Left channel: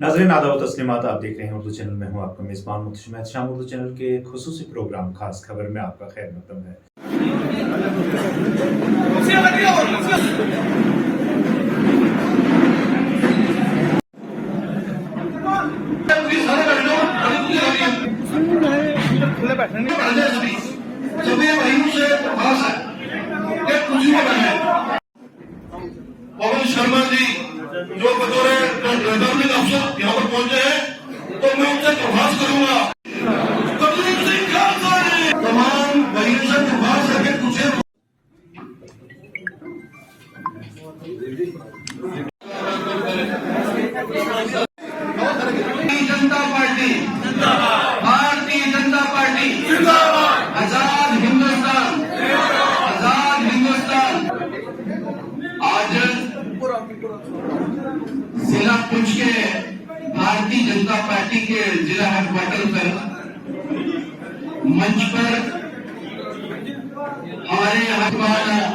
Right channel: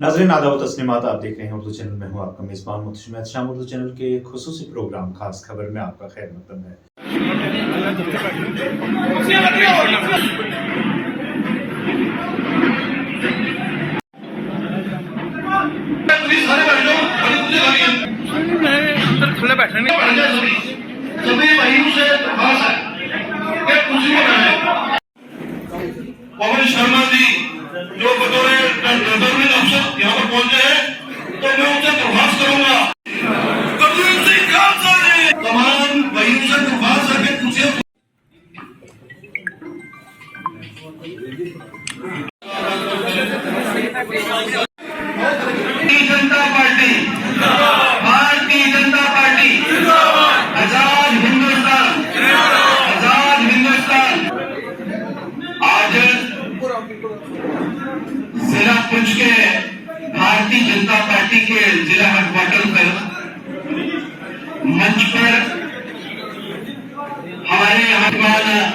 नाज़रीन आदाब तस्लीमात, आप देख रहे हैं उर्दू चैनल में हूँ आपका मेज़बान मुतशम शाम। उर्दू चैनल के खुसूसी प्रोग्राम खास खबर में आपका खैर मकदम है। अंदर खुले बैठे नहीं सभी भाइयों से दरख्वास्त है कि कुर्सी पर बैठे। पवन शर्मा जी जो बतौर गवर्नमेंट अफसर यहाँ पर पहुंचे हैं, तो मैं उनसे दरख्वास्त करूंगा तमाम भाइयों से दरख्वास्त है कि कुर्सी जनता पार्टी भारतीय जनता पार्टी आजाद हिंदुस्तान आजाद हिंदुस्तान। आज जिला पुंछ के भारतीय जनता पार्टी के जिला हेडक्वार्टर पर मंच पर हमारे यहाँ के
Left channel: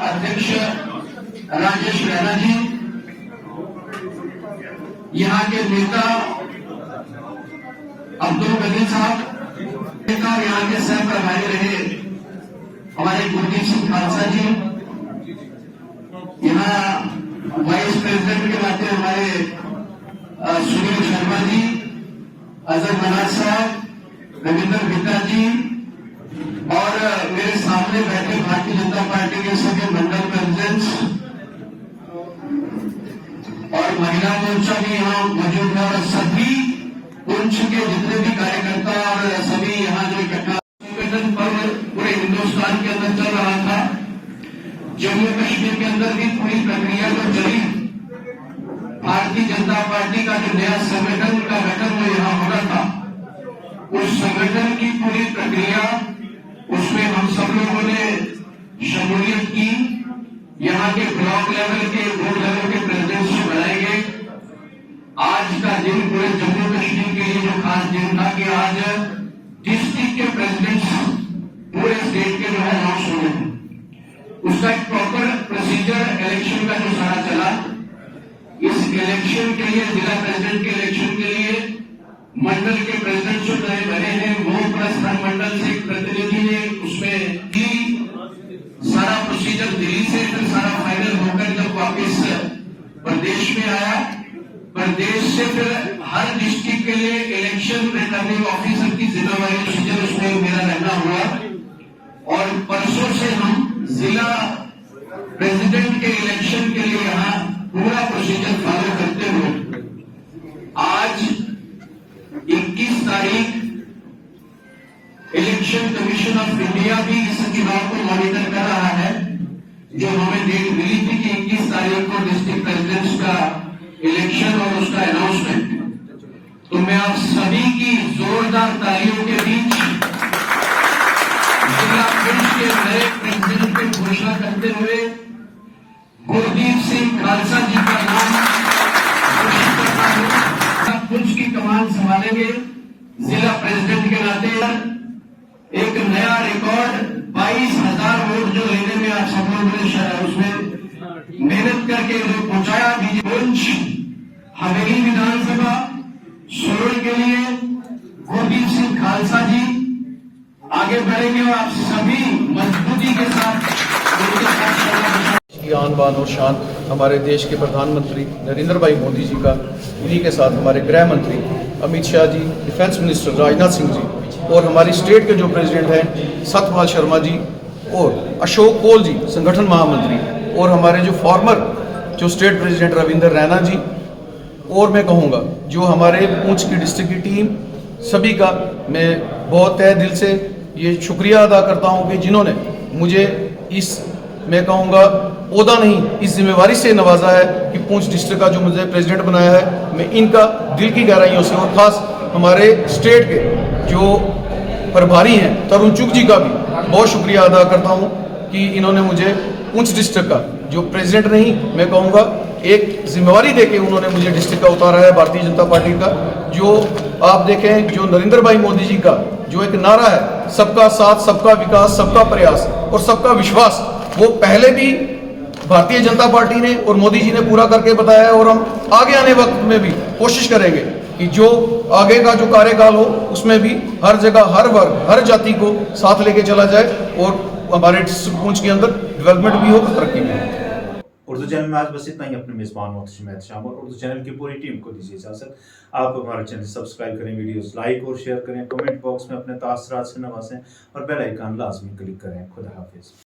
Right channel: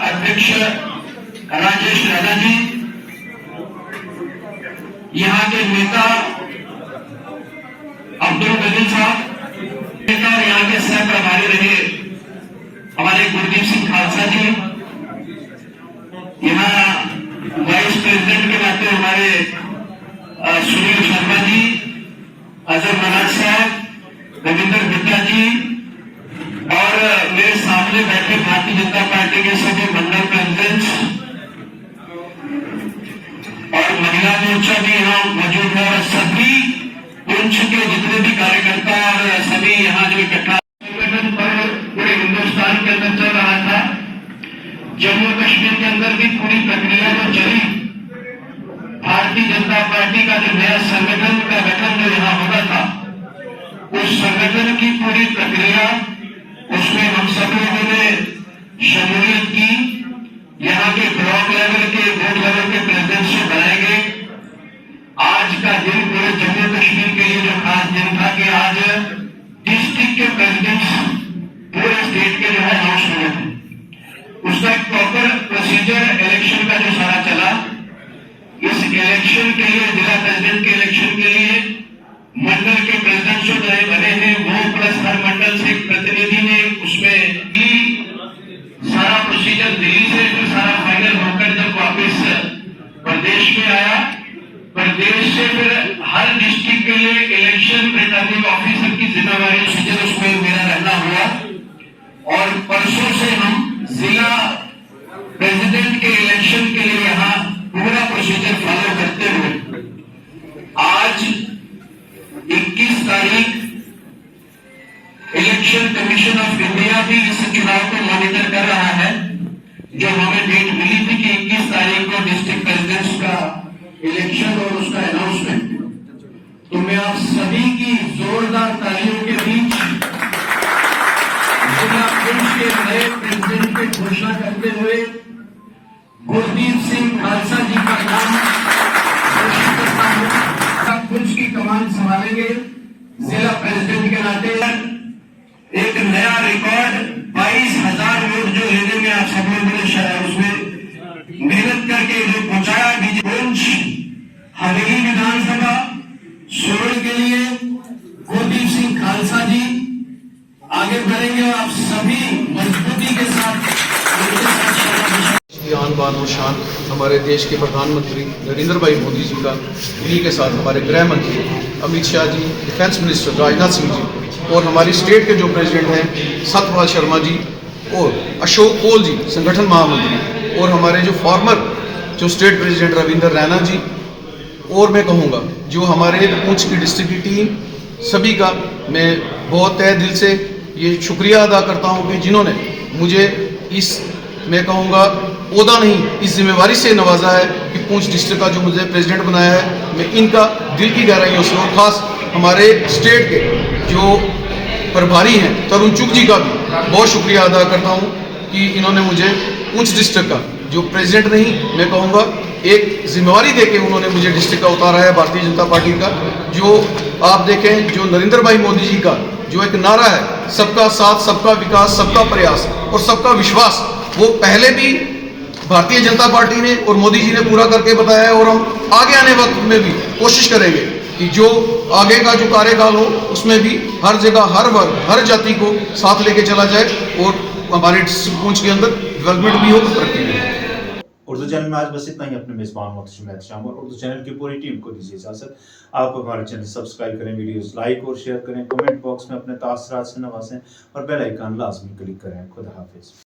अध्यक्ष राजेश रैना जी, यहाँ के नेता अब्दुल कदीर साहब, नेता और यहाँ के सह प्रभारी रहे हमारे गुरदीप सिंह खालसा जी, यहाँ वाइस प्रेसिडेंट के नाते हमारे सुनील शर्मा जी, अजय मनाज साहब, रविंदर बिट्टा जी और मेरे सामने बैठे भारतीय जनता पार्टी के सभी मंडल प्रेसिडेंट्स और महिला मोर्चा भी यहाँ मौजूद है और सभी पुंछ के जितने भी कार्यकर्ता और सभी यहाँ जो इकट्ठा संगठन पर पूरे हिंदुस्तान के अंदर चल रहा था। जम्मू कश्मीर के अंदर भी पूरी प्रक्रिया जो चली, भारतीय जनता पार्टी का जो नया संगठन का गठन जो यहाँ होना था, उस संगठन की पूरी प्रक्रिया उसमें हम सब लोगों ने शमूलियत की। यहाँ के ब्लॉक लेवल के बूथ लेवल के प्रेसिडेंट से बनाए गए। आज का दिन पूरे जम्मू कश्मीर के लिए जो खास दिन था कि आज डिस्ट्रिक्ट के प्रेसिडेंट पूरे स्टेट के जो है अनाउंस हुए थे। उसका एक प्रॉपर प्रोसीजर इलेक्शन का जो सारा चला, इस इलेक्शन के लिए जिला प्रेसिडेंट के इलेक्शन के लिए मंडल के प्रेसिडेंट जो नए बने हैं वो प्लस हर मंडल से एक प्रतिनिधि ने उसमें भी सारा प्रोसीजर दिल्ली से फिर सारा फाइनल होकर जब वापस प्रदेश में आया, प्रदेश से फिर हर डिस्ट्रिक्ट के लिए इलेक्शन रिटर्निंग ऑफिसर की जिम्मेवारी प्रोसीजर उसमें मेरा रहना हुआ और परसों से हम जिला प्रेसिडेंट के इलेक्शन के लिए यहाँ पूरा प्रोसीजर फॉलो करते हुए आज 21 तारीख इलेक्शन कमीशन ऑफ इंडिया भी इस चुनाव को मॉनिटर कर रहा है। जो हमें डेट मिली थी कि 21 तारीख को डिस्ट्रिक्ट प्रेसिडेंट्स का इलेक्शन और उसका अनाउंसमेंट, तो मैं आप सभी की जोरदार तालियों के बीच जिला पुंछ के नए प्रेसिडेंट की घोषणा करते हुए गुरदीप सिंह खालसा जी का नाम घोषित करता हूं। पुंछ की कमान संभालेंगे जिला प्रेसिडेंट के नाते। एक नया रिकॉर्ड 22,000 वोट जो लेने में आप सब लोगों ने उसमें मेहनत करके जो पहुंचाया पुंछ हवेली विधानसभा सोलन के लिए गुरदीप सिंह खालसा जी आगे बढ़ेंगे और आप सभी मजबूती के साथ आन बान और शान हमारे देश के प्रधानमंत्री नरेंद्र भाई मोदी जी का, उन्हीं के साथ हमारे गृह मंत्री अमित शाह जी, डिफेंस मिनिस्टर राजनाथ सिंह जी और हमारी स्टेट के जो प्रेसिडेंट हैं सत्यपाल शर्मा जी और अशोक कोल जी संगठन महामंत्री और हमारे जो फॉर्मर जो स्टेट प्रेसिडेंट रविंदर रैना जी, और मैं कहूँगा जो हमारे पुंछ की डिस्ट्रिक्ट की टीम, सभी का मैं बहुत तहे दिल से ये शुक्रिया अदा करता हूँ कि जिन्होंने मुझे इस मैं कहूँगा ओहदा नहीं इस जिम्मेवारी से नवाजा है कि पुंछ डिस्ट्रिक्ट का जो मुझे प्रेसिडेंट बनाया है, मैं इनका दिल की गहराइयों से और खास हमारे स्टेट के जो प्रभारी हैं तरुण चुग जी का भी बहुत शुक्रिया अदा करता हूँ कि इन्होंने मुझे पुंछ डिस्ट्रिक्ट का जो प्रेसिडेंट नहीं मैं कहूँगा एक जिम्मेवारी देके उन्होंने मुझे डिस्ट्रिक्ट का उतारा है भारतीय जनता पार्टी का। जो आप देखें जो नरेंद्र भाई मोदी जी का जो एक नारा है सबका साथ सबका विकास सबका प्रयास और सबका विश्वास, वो पहले भी भारतीय जनता पार्टी ने और मोदी जी ने पूरा करके बताया है और हम आगे आने वक्त में भी कोशिश करेंगे कि जो आगे का जो कार्यकाल हो उसमें भी हर जगह हर वर्ग हर जाति को साथ लेके चला जाए और हमारे पुंछ के अंदर डेवलपमेंट भी हो तो तरक्की भी हो। उर्दू चैनल में आज बस इतना ही। अपने मेज़बान मोहतशिम एहतशाम और उर्दू चैनल की पूरी टीम को दीजिए इजाज़त। आप हमारे चैनल सब्सक्राइब करें, वीडियोस लाइक और शेयर करें, कमेंट बॉक्स में अपने तासरात से नवाजें और बेल आइकन लाजमी क्लिक करें। खुदा हाफिज़।